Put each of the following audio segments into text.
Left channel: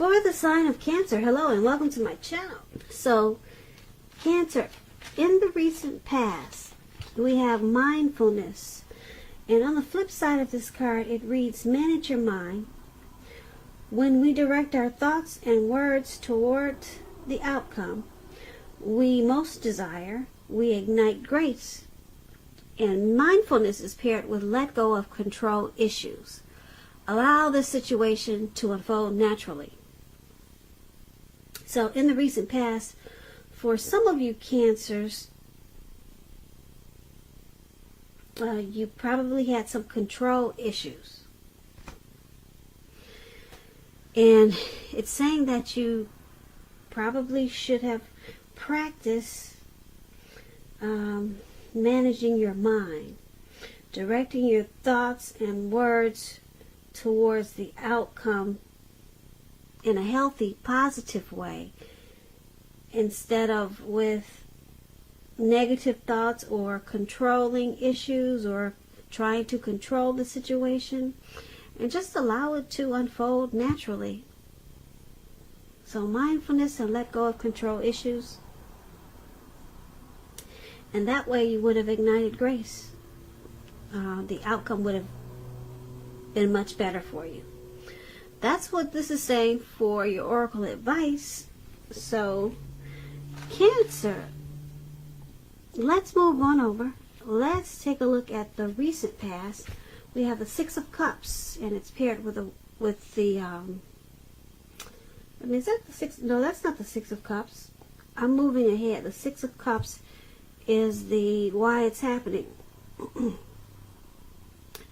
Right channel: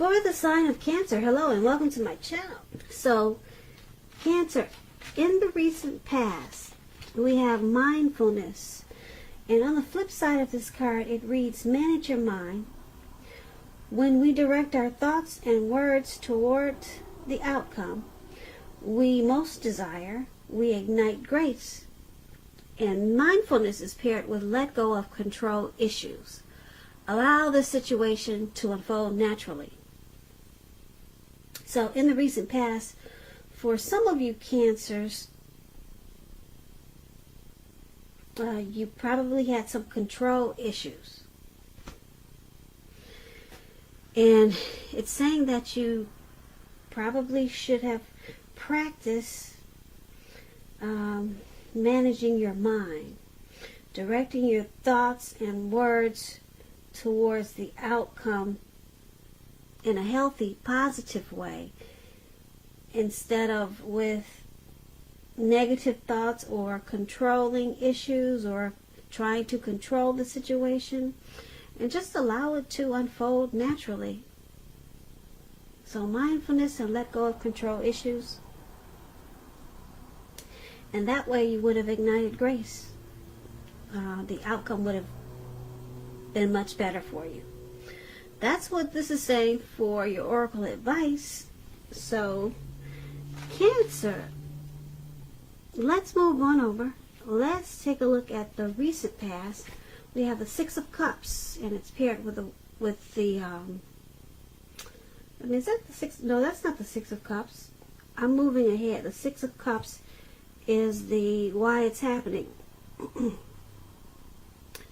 For the sign of Cancer, hello and welcome to my channel. So, Cancer, in the recent past, we have mindfulness. And on the flip side of this card, it reads, manage your mind. When we direct our thoughts and words toward the outcome we most desire, we ignite grace. And mindfulness is paired with let go of control issues. Allow the situation to unfold naturally. So in the recent past, for some of you Cancers, you probably had some control issues. And it's saying that you probably should have practiced managing your mind, directing your thoughts and words towards the outcome in a healthy, positive way, instead of with negative thoughts or controlling issues or trying to control the situation, and just allow it to unfold naturally. So mindfulness and let go of control issues, and that way you would have ignited grace. The outcome would have been much better for you. That's what this is saying for your oracle advice. So, Cancer, let's move on over. Let's take a look at the recent past. We have the Six of Cups, and it's paired with the is that the Six? No, that's not the Six of Cups. I'm moving ahead. The Six of Cups is the why it's happening.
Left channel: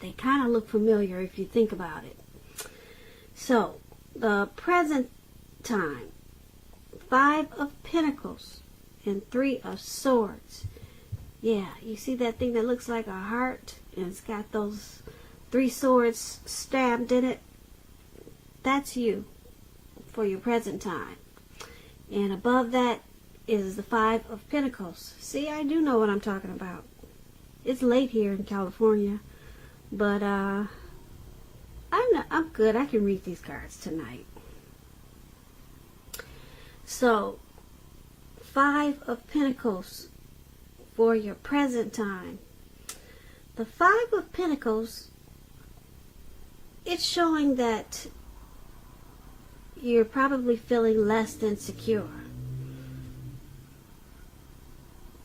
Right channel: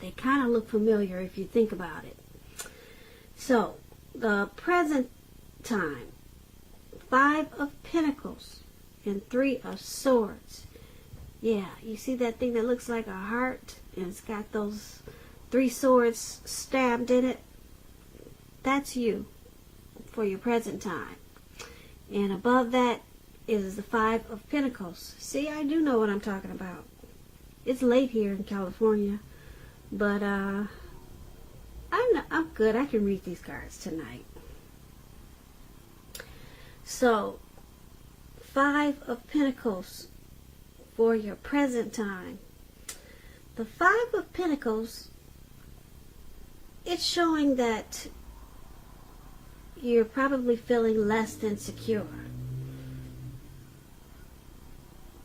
They kind of look familiar if you think about it. So, the present time, Five of Pentacles and Three of Swords. Yeah, you see that thing that looks like a heart and it's got those three swords stabbed in it? That's you for your present time. And above that is the Five of Pentacles. See, I do know what I'm talking about. It's late here in California, but I'm good. I can read these cards tonight. So, Five of Pentacles for your present time. The Five of Pentacles, it's showing that you're probably feeling less than secure.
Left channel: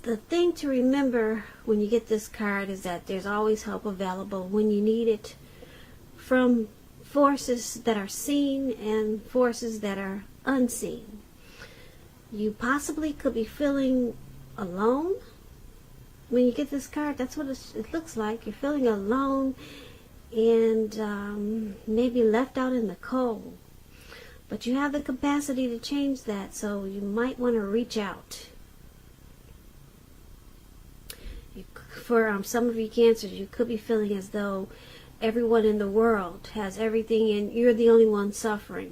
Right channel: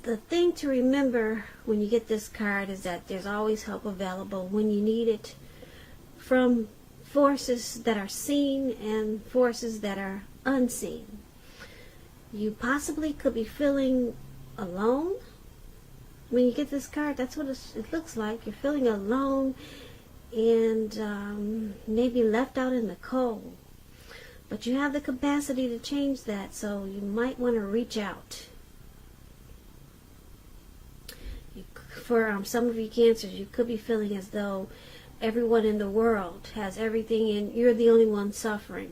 The thing to remember when you get this card is that there's always help available when you need it, from forces that are seen and forces that are unseen. You possibly could be feeling alone. When you get this card, that's what it looks like. You're feeling alone and maybe left out in the cold. But you have the capacity to change that, so you might want to reach out. For some of you Cancers, you could be feeling as though everyone in the world has everything and you're the only one suffering.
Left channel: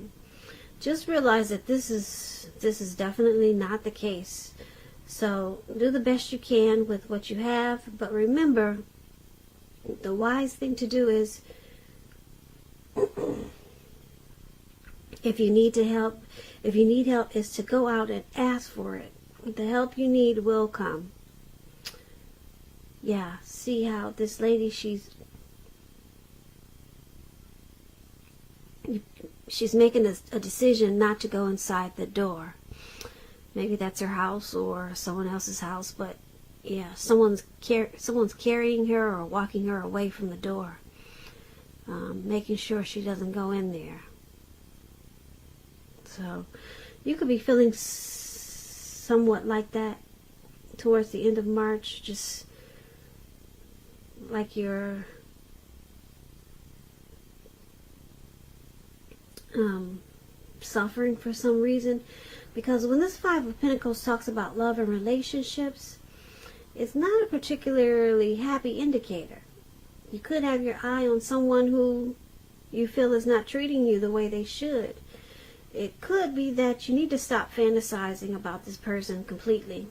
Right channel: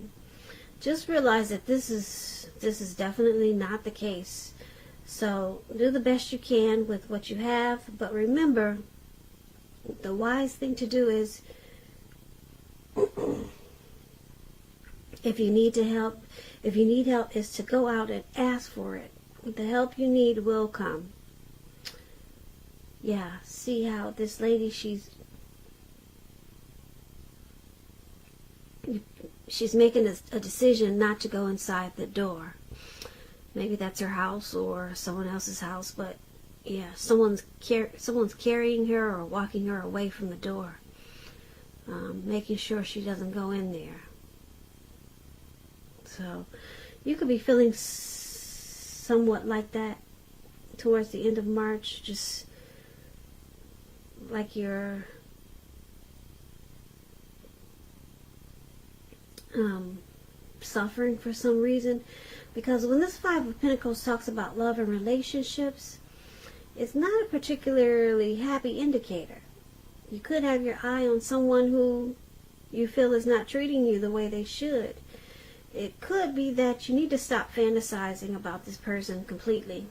Just realize that this is definitely not the case. So do the best you can with what you have, but remember, the wise thing to do is, if you need help, is to go out and ask for it. The help you need will come. Yeah, see how this lady, she's making a decision not to go inside the door. Maybe that's her house or someone else's house, but yeah, someone's carrying her or walking her away from the door, making sure she doesn't go in there. So you could be feeling somewhat like that towards the end of March, just like you're suffering for some reason. Because when this Five of Pentacles talks about love and relationships, it's not a particularly happy indicator. You could have your eye on someone who you feel is not treating you the way they should. It could be that you need to stop fantasizing about this person completely.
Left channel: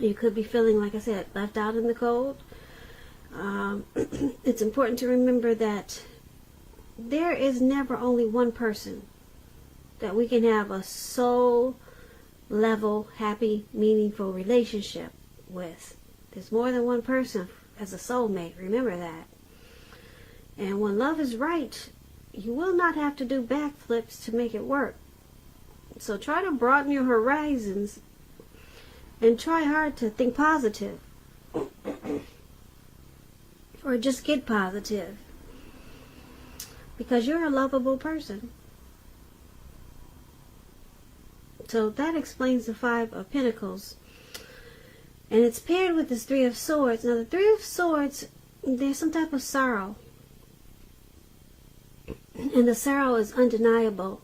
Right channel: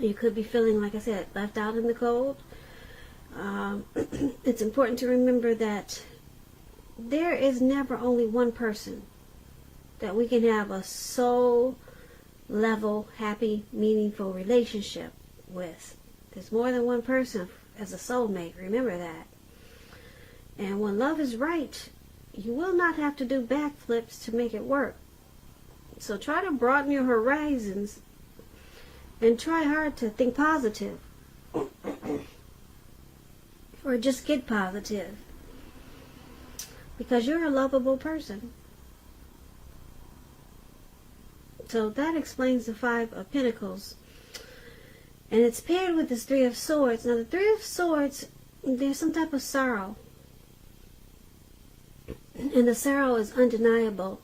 You could be feeling, like I said, left out in the cold. It's important to remember that there is never only one person that we can have a soul level, happy, meaningful relationship with. There's more than one person as a soulmate. Remember that. And when love is right, you will not have to do backflips to make it work. So try to broaden your horizons and try hard to think positive. Or just get positive. Because you're a lovable person. So that explains the Five of Pentacles. And it's paired with this Three of Swords. Now the Three of Swords, there's some type of sorrow. And the sorrow is undeniable.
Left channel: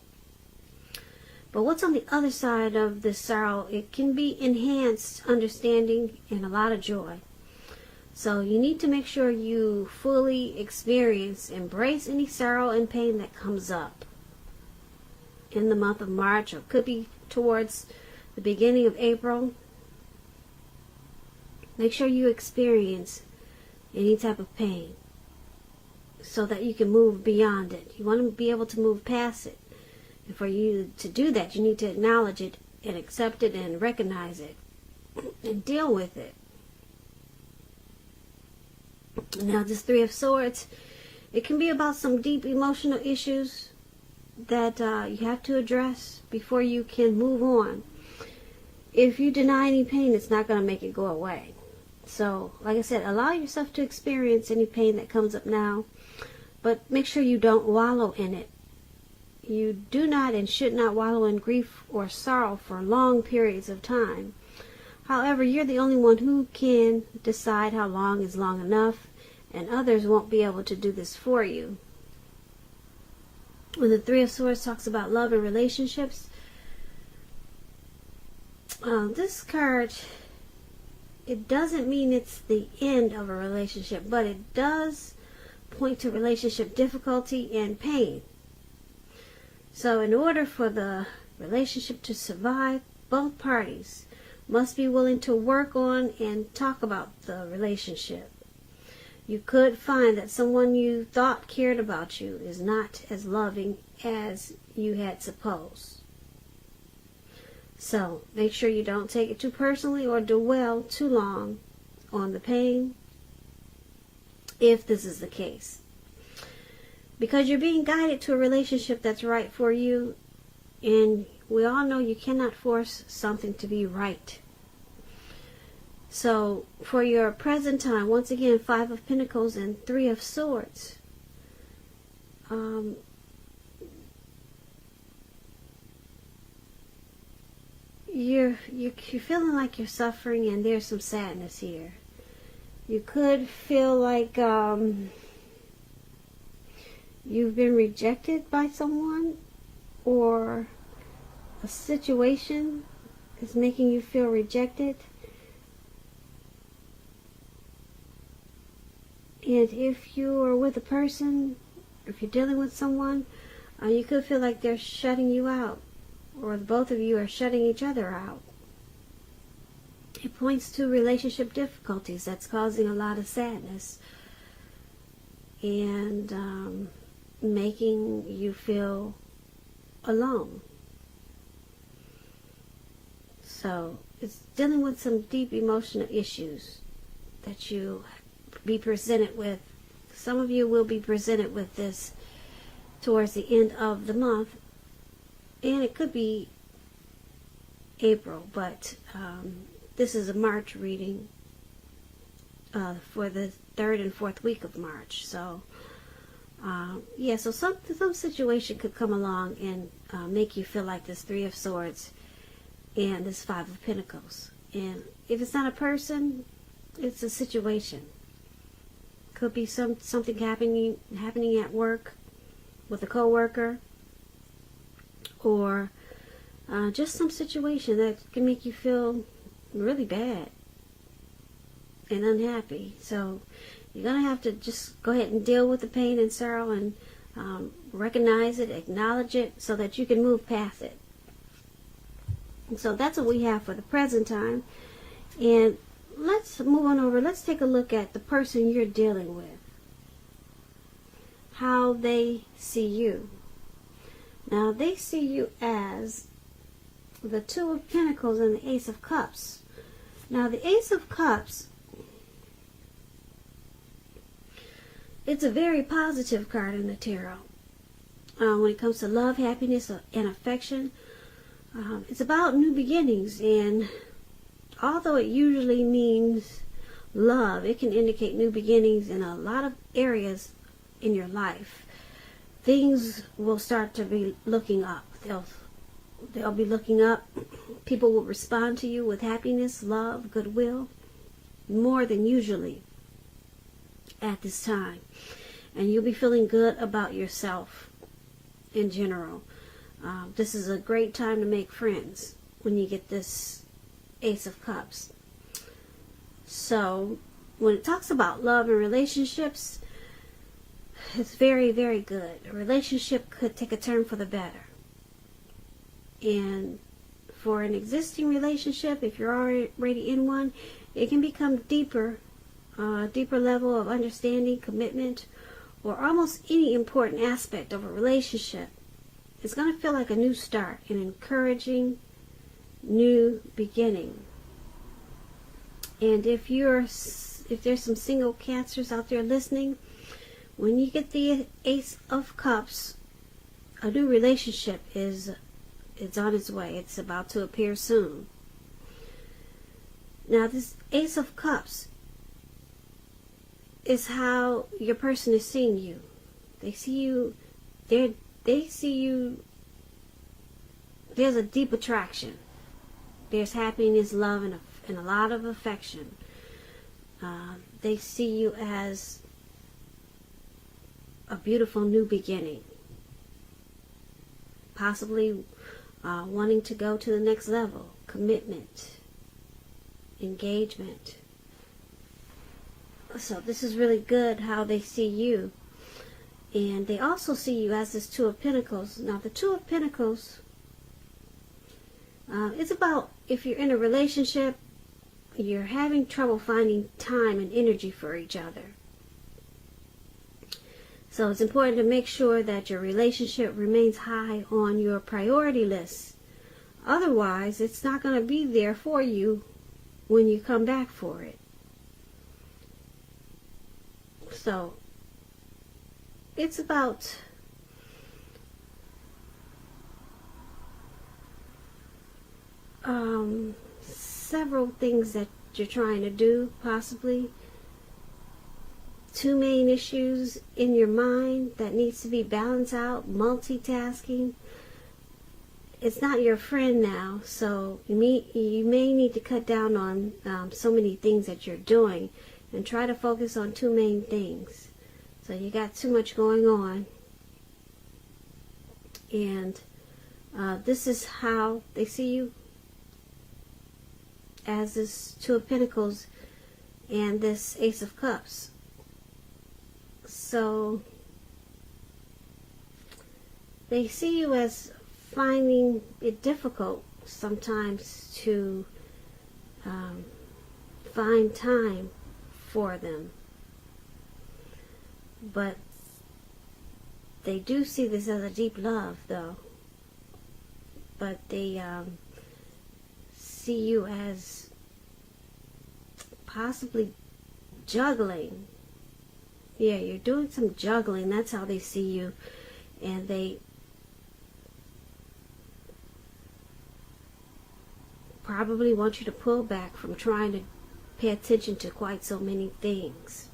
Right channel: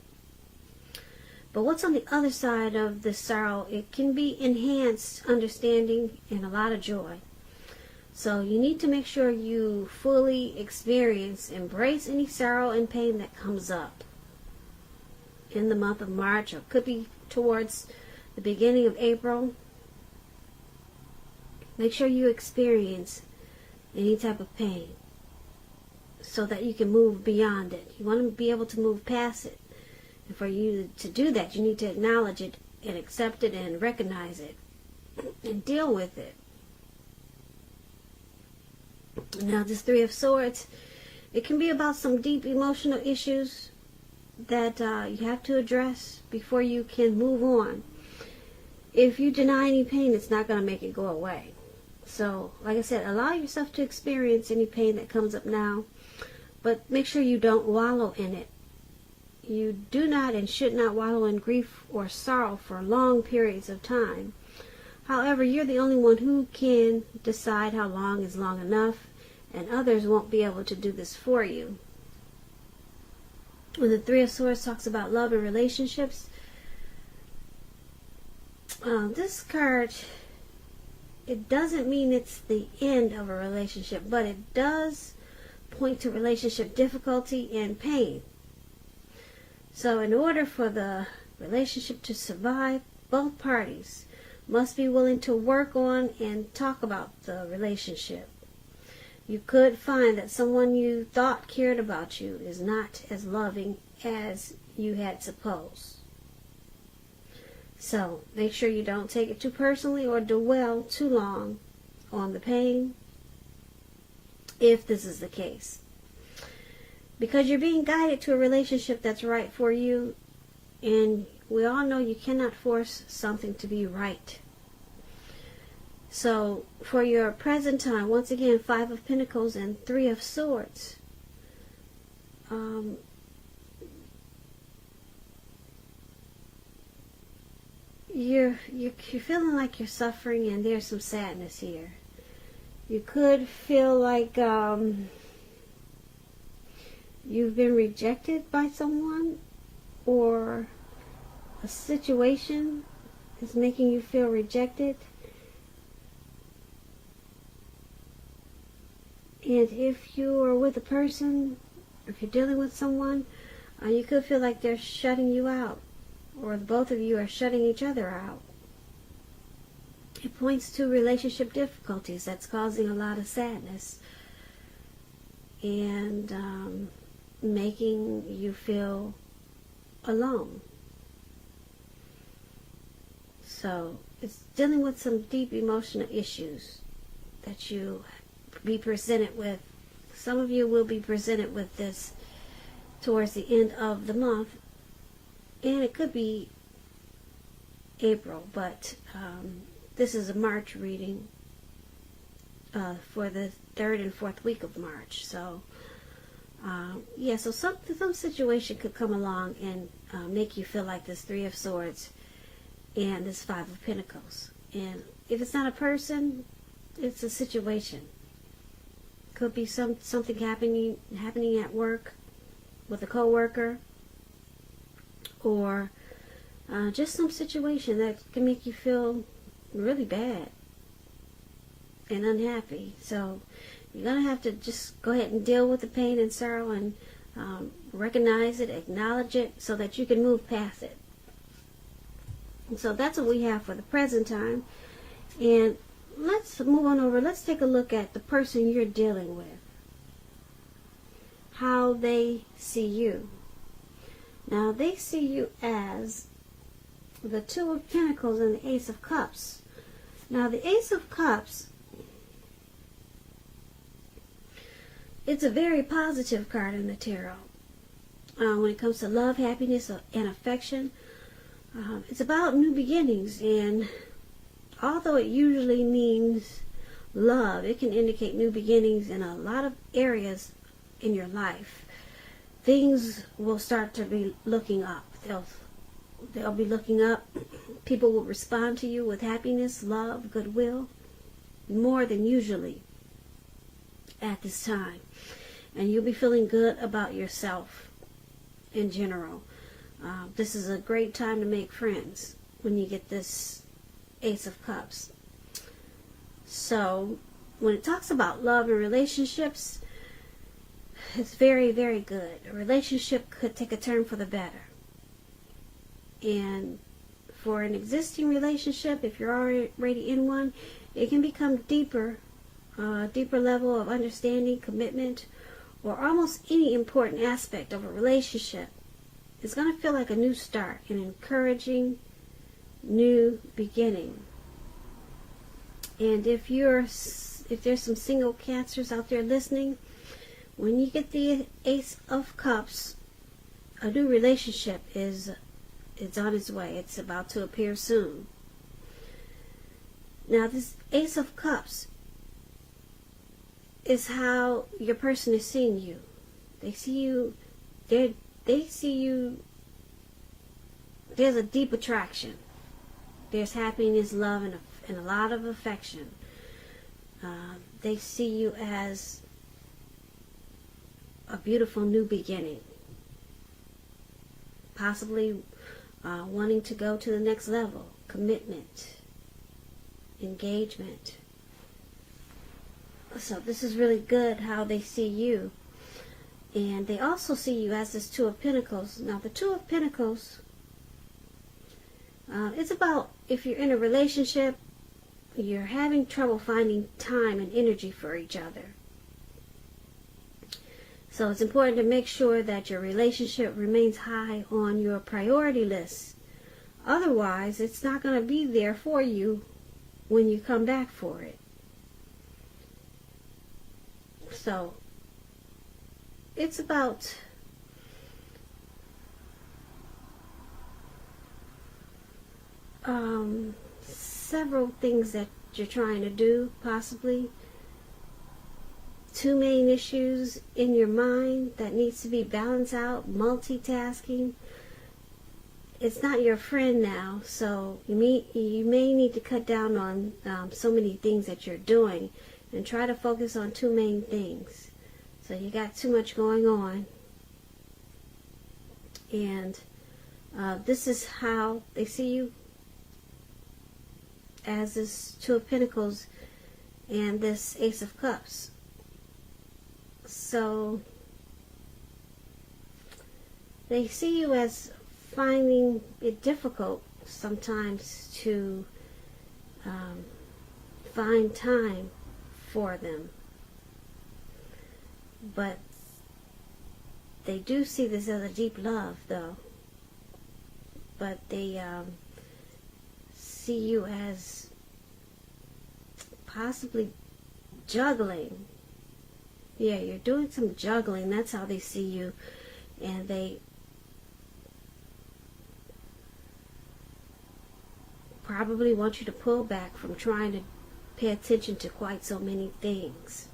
But what's on the other side of the sorrow? It can be enhanced understanding and a lot of joy. So you need to make sure you fully embrace any sorrow and pain that comes up in the month of March, or it could be towards the beginning of April. Make sure you experience any type of pain so that you can move beyond it. You want to be able to move past it. And for you to do that, you need to acknowledge it and accept it and recognize it and deal with it. Now this Three of Swords, it can be about some deep emotional issues that you have to address before you can move on. If you deny any pain, it's not going to make it go away. So, like I said, allow yourself to experience any pain that comes up now, but make sure you don't wallow in it. You do not and should not wallow in grief or sorrow for long periods of time. However, you're the only one who can decide how long is long enough, and others won't be able to do this for you. When the Three of Swords talks about love and relationships, this card, it doesn't mean it's the end of a relationship, but it does point to relationship difficulty and pain. So in order for the relationship to survive, both parties must be willing to work on and talk about the relationship. You could find that someone you thought cared about you is not as loving as you had supposed. So make sure you don't take it too personally or dwell too long on the pain, if this is the case. Because you're being guided to a relationship that's right for you, and we all know you cannot force something to be right. So for your present time, once again, Five of Pentacles and Three of Swords. You're feeling like you're suffering, and there's some sadness here. You could feel like you've been rejected by someone, or a situation is making you feel rejected. And if you are with a person, if you're dealing with someone, you could feel like they're shutting you out, or both of you are shutting each other out. It points to relationship difficulties that's causing a lot of sadness and making you feel alone. So it's dealing with some deep emotional issues that you be presented with. Some of you will be presented with this towards the end of the month, and it could be April, but this is a March reading for the 3rd and 4th week of March. So yeah, so some situation could come along and make you feel like this Three of Swords and this Five of Pentacles. And if it's not a person, it's a situation. Could be something happening at work with a coworker, or just some situation that can make you feel really bad and unhappy. So you're going to have to just go ahead and deal with the pain and sorrow and recognize it, acknowledge it, so that you can move past it. And so that's what we have for the present time. And let's move on over. Let's take a look at the person you're dealing with. how they see you. Now, they see you as the Two of Pentacles and the Ace of Cups. Now, the Ace of Cups, it's a very positive card in the tarot. When it comes to love, happiness, and affection, it's about new beginnings. And although it usually means love, it can indicate new beginnings in a lot of areas in your life. Things will start to be looking up. They'll be looking up. People will respond to you with happiness, love, goodwill, more than usually at this time. And you'll be feeling good about yourself in general. This is a great time to make friends when you get this Ace of Cups. So, when it talks about love and relationships, it's very, very good. A relationship could take a turn for the better. And for an existing relationship, if you're already in one, it can become deeper level of understanding, commitment, or almost any important aspect of a relationship. It's going to feel like a new start, an encouraging new beginning. And if there's some single Cancers out there listening, when you get the Ace of Cups, a new relationship is on its way. It's about to appear soon. Now, this Ace of Cups is how your person is seeing you. They see you. They see you. There's a deep attraction. There's happiness, love, and a lot of affection. They see you as a beautiful new beginning. Possibly wanting to go to the next level. Commitment. Engagement. So this is really good how they see you. And they also see you as this Two of Pentacles. Now, the Two of Pentacles, it's about if you're in a relationship, you're having trouble finding time and energy for each other. So it's important to make sure that your relationship remains high on your priority list. Otherwise, it's not going to be there for you when you come back for it. So, it's about several things that you're trying to do, possibly. Two main issues in your mind that needs to be balanced out, multitasking. It's not your friend now, so you may need to cut down on so many things that you're doing and try to focus on two main things. So you got too much going on. And this is how they see you, as this Two of Pentacles and this Ace of Cups. So they see you as finding it difficult sometimes to find time for them. But they do see this as a deep love, though. But they see you as possibly juggling. Yeah, you're doing some juggling. That's how they see you. And they probably want you to pull back from trying to pay attention to quite so many things.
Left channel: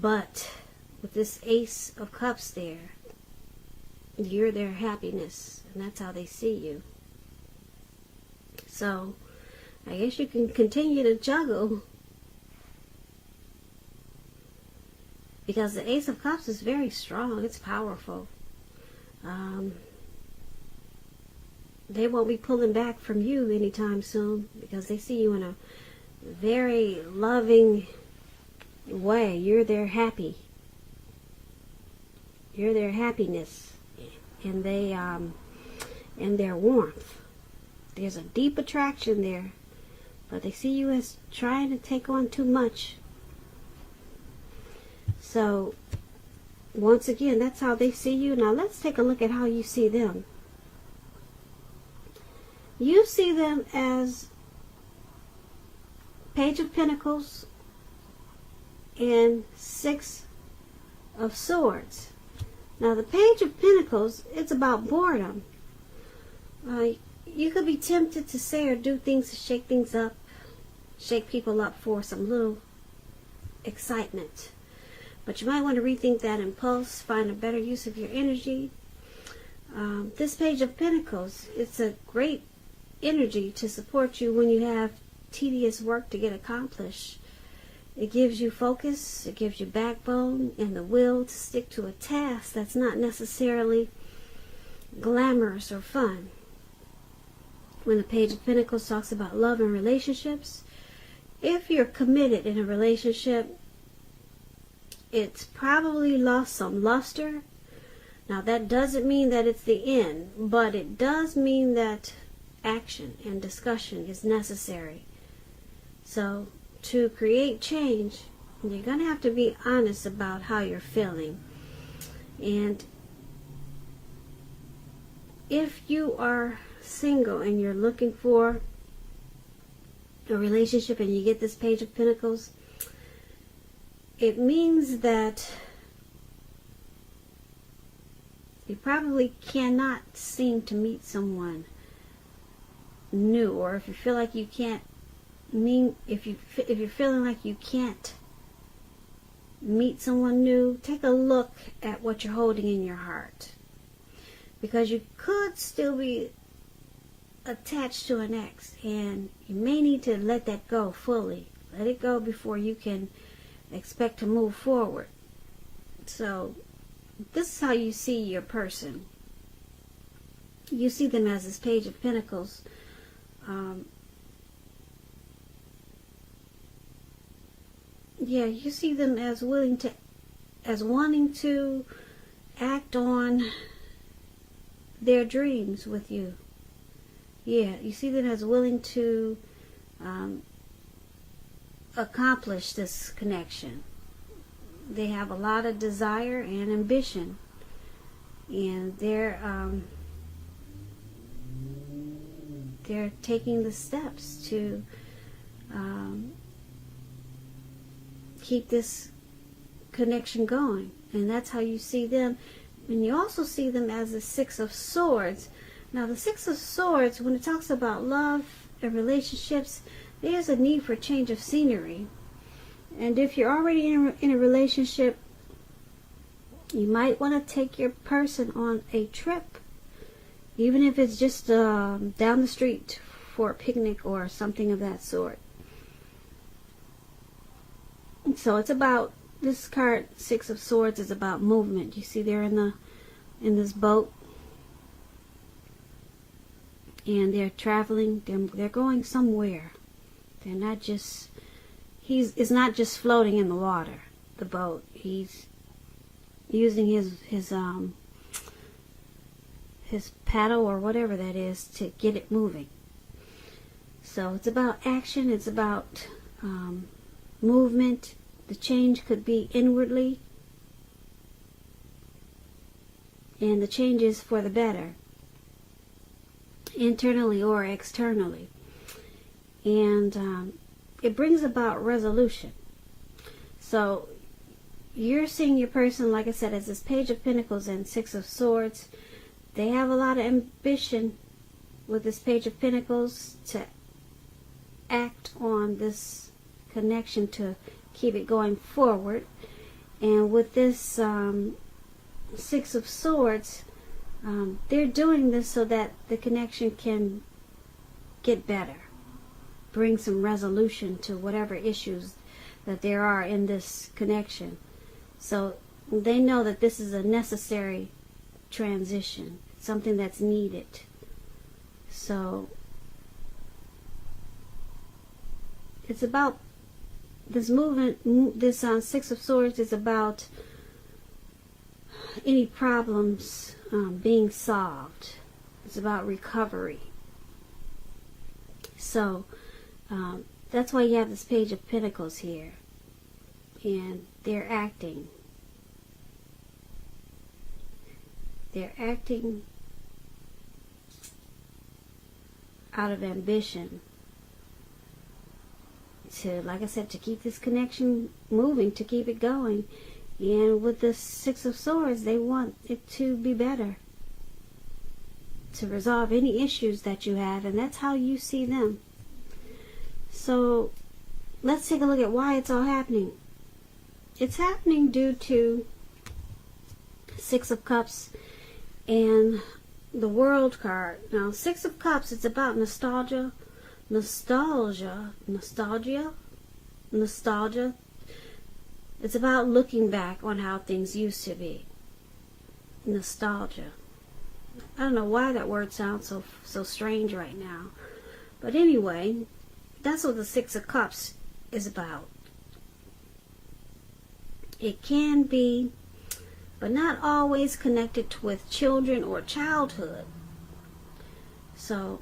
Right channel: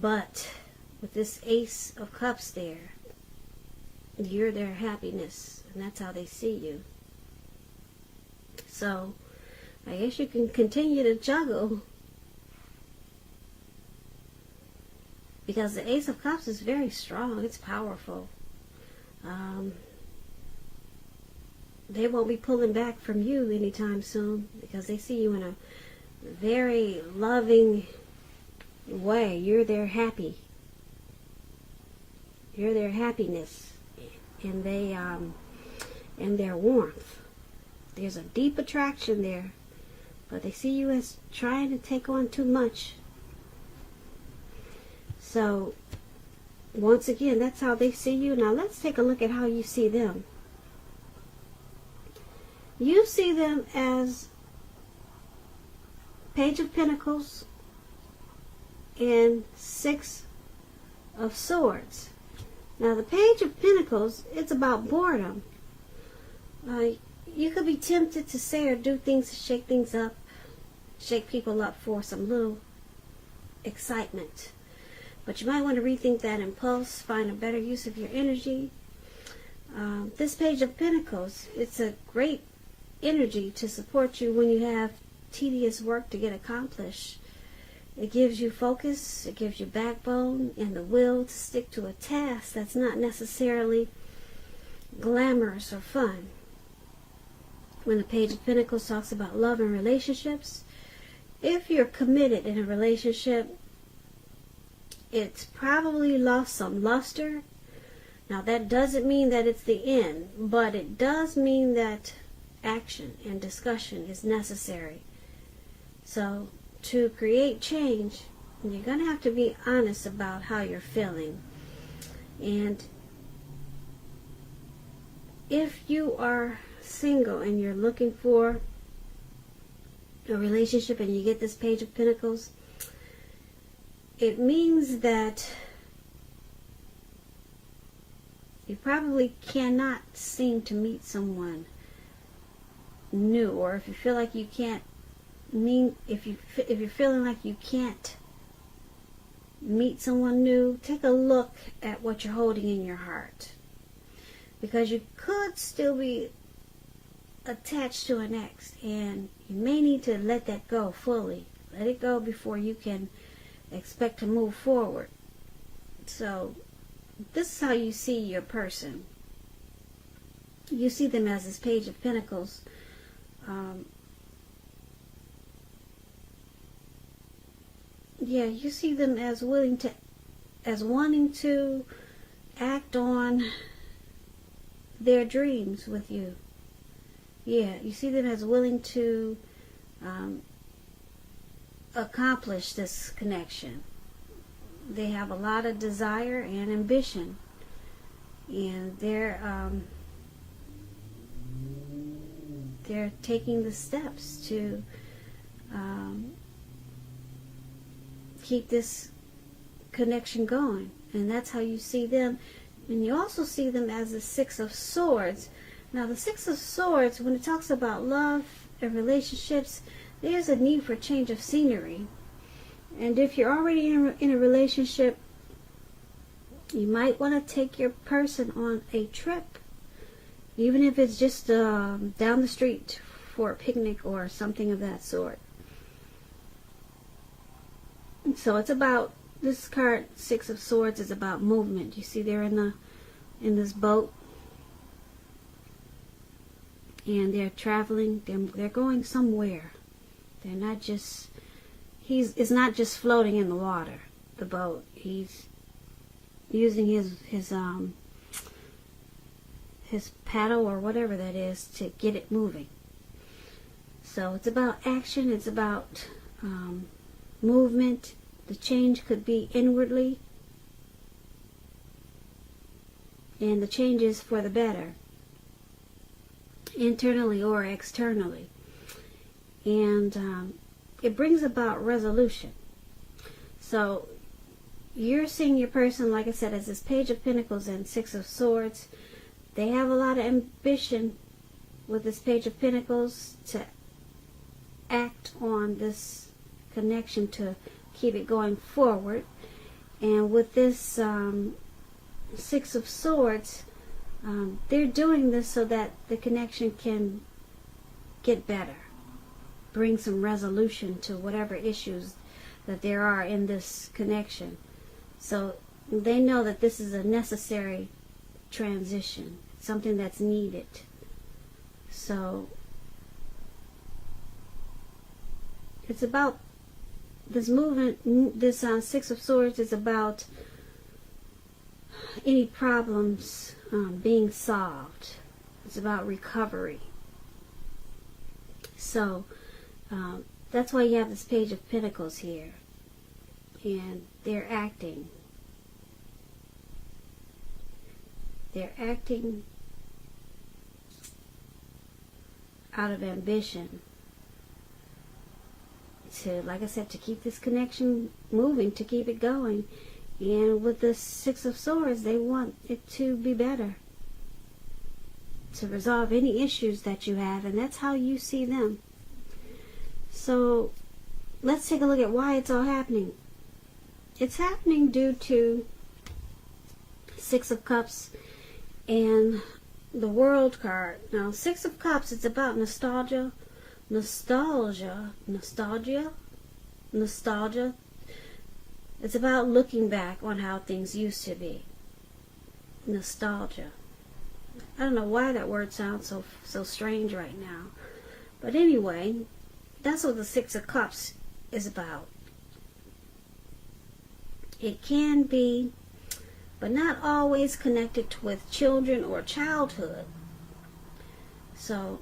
But with this Ace of Cups there, you're their happiness. And that's how they see you. So, I guess you can continue to juggle. Because the Ace of Cups is very strong. It's powerful. They won't be pulling back from you anytime soon. Because they see you in a very loving way. You're their happy. You're their happiness. And they, and their warmth. There's a deep attraction there. But they see you as trying to take on too much. So, once again, that's how they see you. Now, let's take a look at how you see them. You see them as Page of Pentacles and Six of Swords. Now, the Page of Pentacles, it's about boredom. You could be tempted to say or do things to shake things up, shake people up for some little excitement. But you might want to rethink that impulse, find a better use of your energy. This Page of Pentacles, it's a great energy to support you when you have tedious work to get accomplished. It gives you focus, it gives you backbone and the will to stick to a task that's not necessarily glamorous or fun. When the Page of Pentacles talks about love and relationships, if you're committed in a relationship, it's probably lost some luster. Now, that doesn't mean that it's the end, but it does mean that action and discussion is necessary. So, to create change, you're going to have to be honest about how you're feeling. And if you are single and you're looking for a relationship and you get this Page of Pentacles, it means that you probably cannot seem to meet someone new, or if you feel like you can't if you're feeling like you can't meet someone new, take a look at what you're holding in your heart, because you could still be attached to an ex, and you may need to let that go fully. Let it go before you can expect to move forward. So this is how you see your person. You see them as this Page of Pentacles. You see them as wanting to act on their dreams with you. Yeah, you see them as willing to accomplish this connection. They have a lot of desire and ambition, and they're taking the steps to keep this connection going. And that's how you see them. And you also see them as the Six of Swords. Now, the Six of Swords, when it talks about love and relationships, there's a need for change of scenery. And if you're already in a relationship, you might want to take your person on a trip, even if it's just down the street for a picnic or something of that sort. So it's about, this card, Six of Swords, is about movement. You see they're in this boat, and they're traveling. They're going somewhere. They're not just, it's not just floating in the water, the boat. He's using his paddle or whatever that is to get it moving. So it's about action. It's about movement. The change could be inwardly, and the change is for the better, internally or externally. And it brings about resolution. So you're seeing your person, like I said, as this Page of Pentacles and Six of Swords. They have a lot of ambition with this Page of Pentacles to act on this connection, to keep it going forward. And with this Six of Swords, they're doing this so that the connection can get better, bring some resolution to whatever issues that there are in this connection. So they know that this is a necessary transition, something that's needed. So it's about this movement. This Six of Swords is about any problems being solved. It's about recovery. So that's why you have this Page of Pentacles here, and they're acting. They're acting out of ambition to, like I said, to keep this connection moving, to keep it going. And with the Six of Swords, they want it to be better, to resolve any issues that you have, and that's how you see them. So let's take a look at why it's all happening. It's happening due to Six of Cups and the World card. Now, Six of Cups, it's about nostalgia. It's about looking back on how things used to be. Nostalgia. I don't know why that word sounds so strange right now. But anyway, that's what the Six of Cups is about. It can be, but not always connected with children or childhood. So,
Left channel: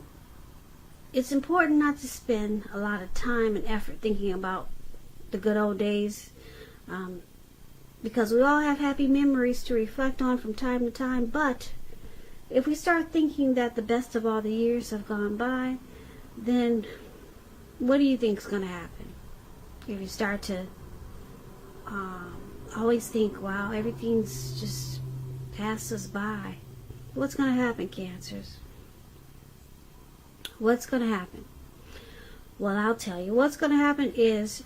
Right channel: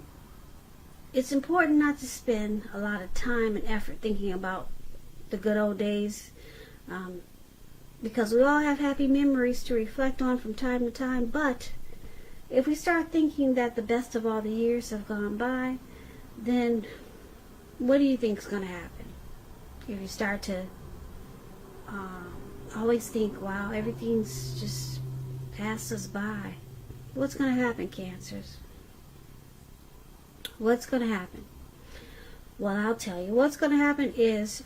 it's important not to spend a lot of time and effort thinking about the good old days, because we all have happy memories to reflect on from time to time. But if we start thinking that the best of all the years have gone by, then what do you think is going to happen? If you start to always think, wow, everything's just passed us by, what's going to happen, Cancers? What's going to happen? Well, I'll tell you. What's going to happen is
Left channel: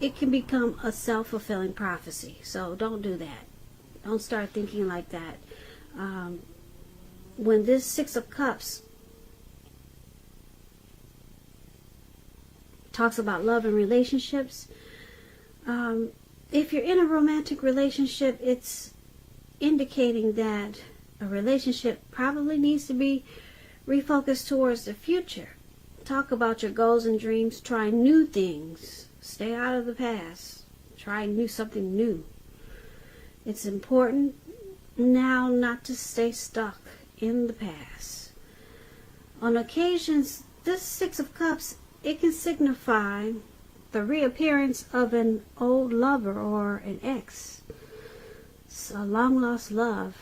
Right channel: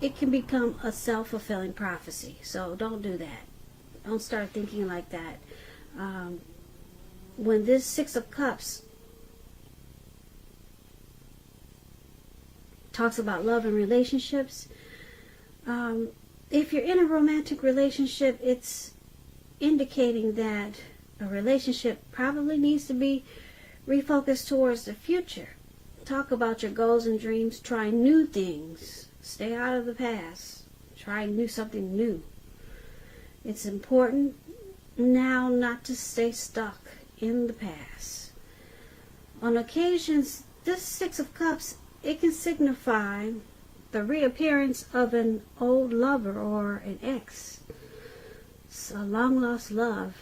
it can become a self-fulfilling prophecy. So don't do that. Don't start thinking like that. When this Six of Cups talks about love and relationships, if you're in a romantic relationship, it's indicating that a relationship probably needs to be refocused towards the future. Talk about your goals and dreams. Try new things. Stay out of the past. Try and do something new. It's important now not to stay stuck in the past. On occasions, this Six of Cups, it can signify the reappearance of an old lover or an ex. It's a long-lost love.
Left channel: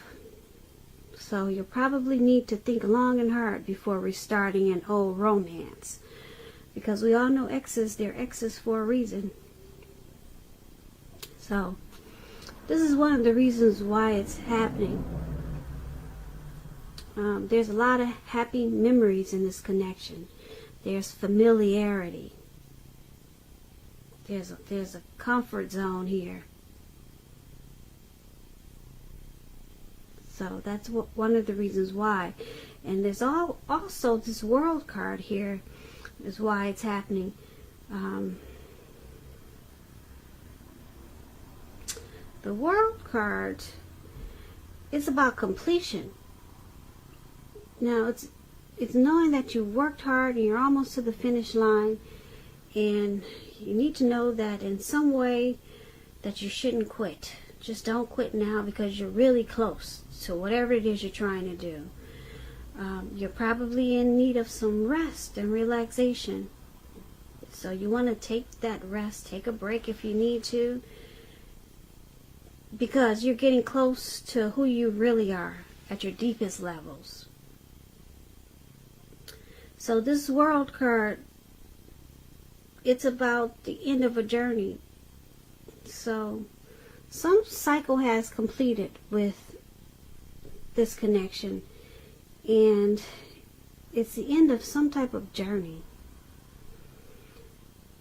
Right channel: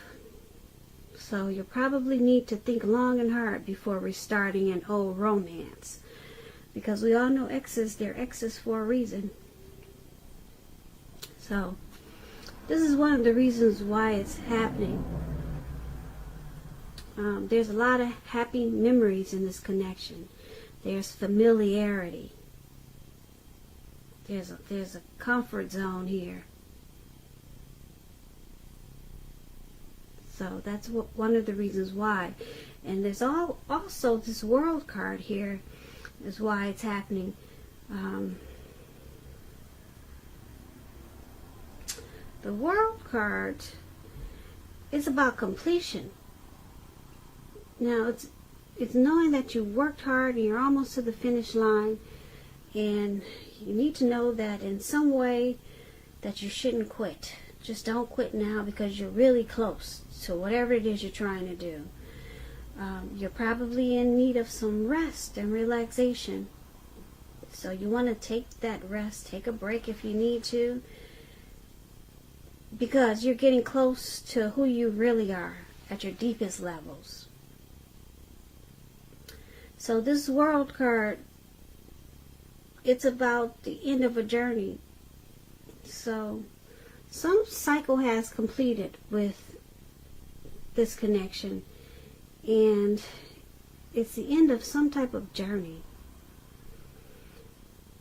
So you probably need to think long and hard before restarting an old romance. Because we all know exes, they're exes for a reason. So, this is one of the reasons why it's happening. There's a lot of happy memories in this connection. There's familiarity. There's a comfort zone here. So that's one of the reasons why. And there's also this World card here is why it's happening. The World card is about completion. Now, it's knowing that you worked hard and you're almost to the finish line, and you need to know that in some way that you shouldn't quit. Just don't quit now, because you're really close to whatever it is you're trying to do. You're probably in need of some rest and relaxation. So you want to take that rest, take a break if you need to, because you're getting close to who you really are at your deepest levels. So this World card, it's about the end of a journey. So some cycle has completed with this connection, and it's the end of some type of journey.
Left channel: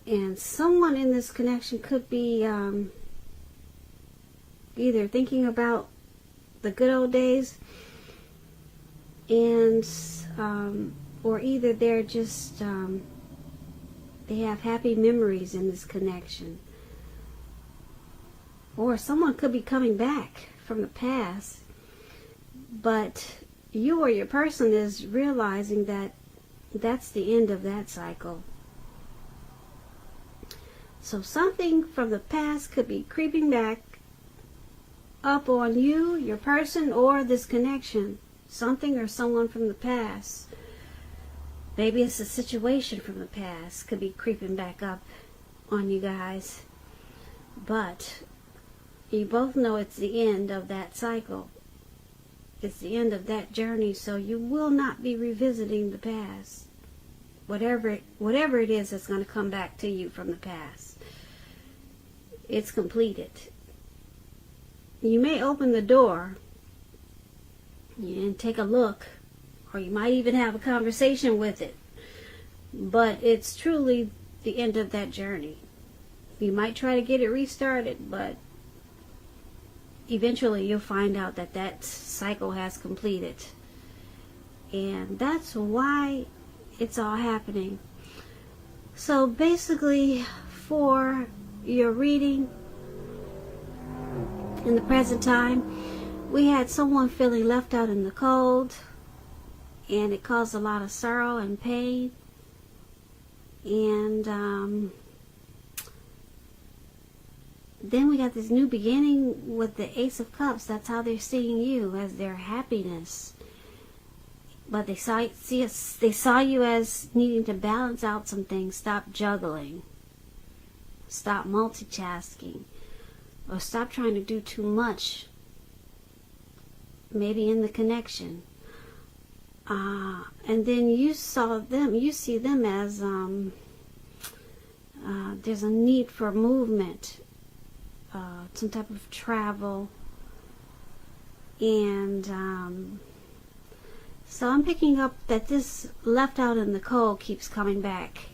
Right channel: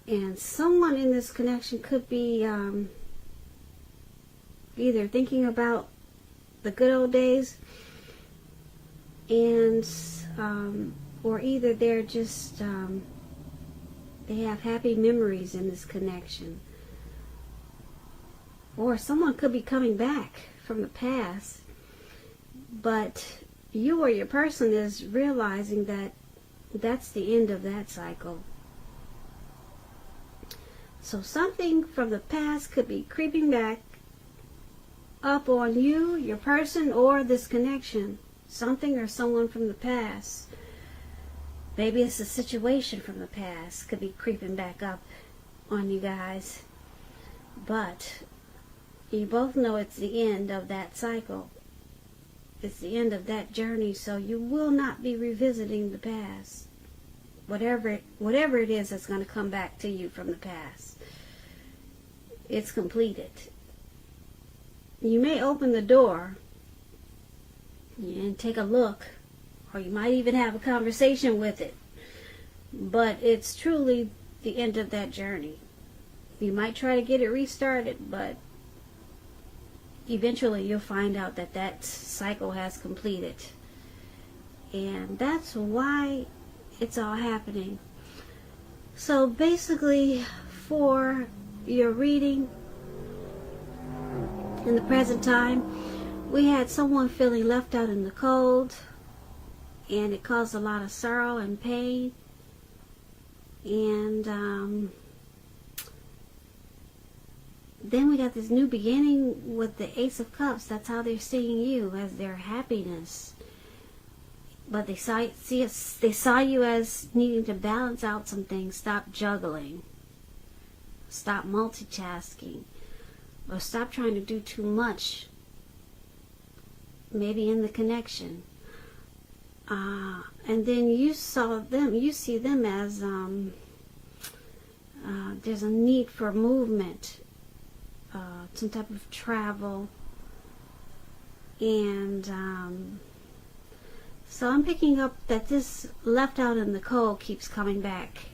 And someone in this connection could be either thinking about the good old days, and or either they're just they have happy memories in this connection. Or someone could be coming back from the past, but you or your person is realizing that that's the end of that cycle. So something from the past could be creeping back up on you, your person, or this connection. Something or someone from the past. Maybe it's a situation from the past could be creeping back up on you guys. But you both know it's the end of that cycle. It's the end of that journey, so you will not be revisiting the past. Whatever it is that's going to come back to you from the past. It's completed. You may open the door and take a look, or you might even have a conversation with it, but it's truly the end of that journey. You might try to get it restarted, but eventually you'll find out that that cycle has completed. And that's why it's all happening. So basically, for your reading in the present time, we had someone feeling left out in the cold, and it caused a lot of sorrow and pain. And then we got this new beginning with the Ace of Cups. That's how they're seeing you, as their happiness. But they saw you as needing to balance out some things. Stop juggling. Stop multitasking. Or stop trying to do too much. Maybe in the connection. And then you see them as there's a need for movement. Some type of travel. And so I'm picking up that this left out in the cold keeps coming back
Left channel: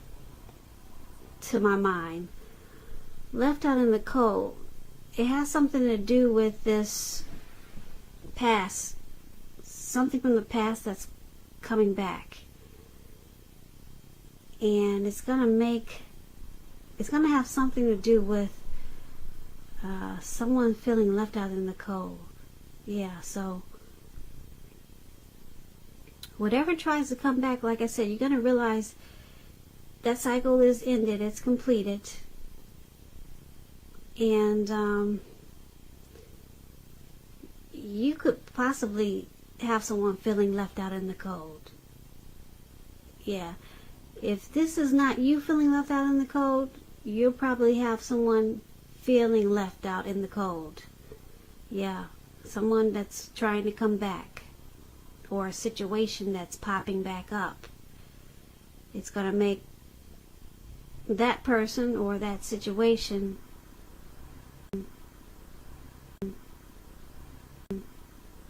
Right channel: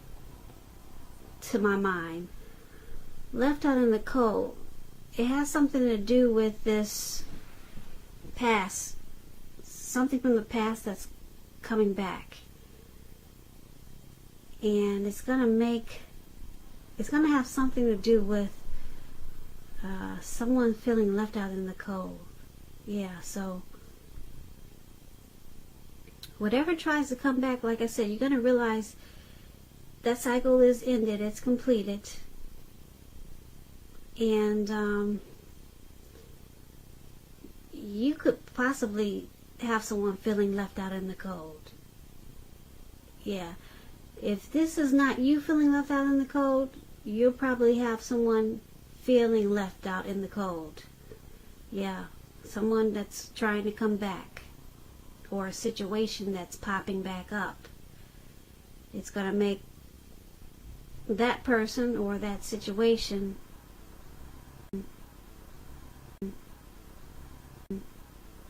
to my mind. Left out in the cold. It has something to do with this past. Something from the past that's coming back. And it's going to have something to do with someone feeling left out in the cold. Yeah, so whatever tries to come back, like I said, you're going to realize that cycle is ended. It's completed. And you could possibly have someone feeling left out in the cold. Yeah. If this is not you feeling left out in the cold, you'll probably have someone feeling left out in the cold. Yeah. Someone that's trying to come back. Or a situation that's popping back up. It's going to make that person or that situation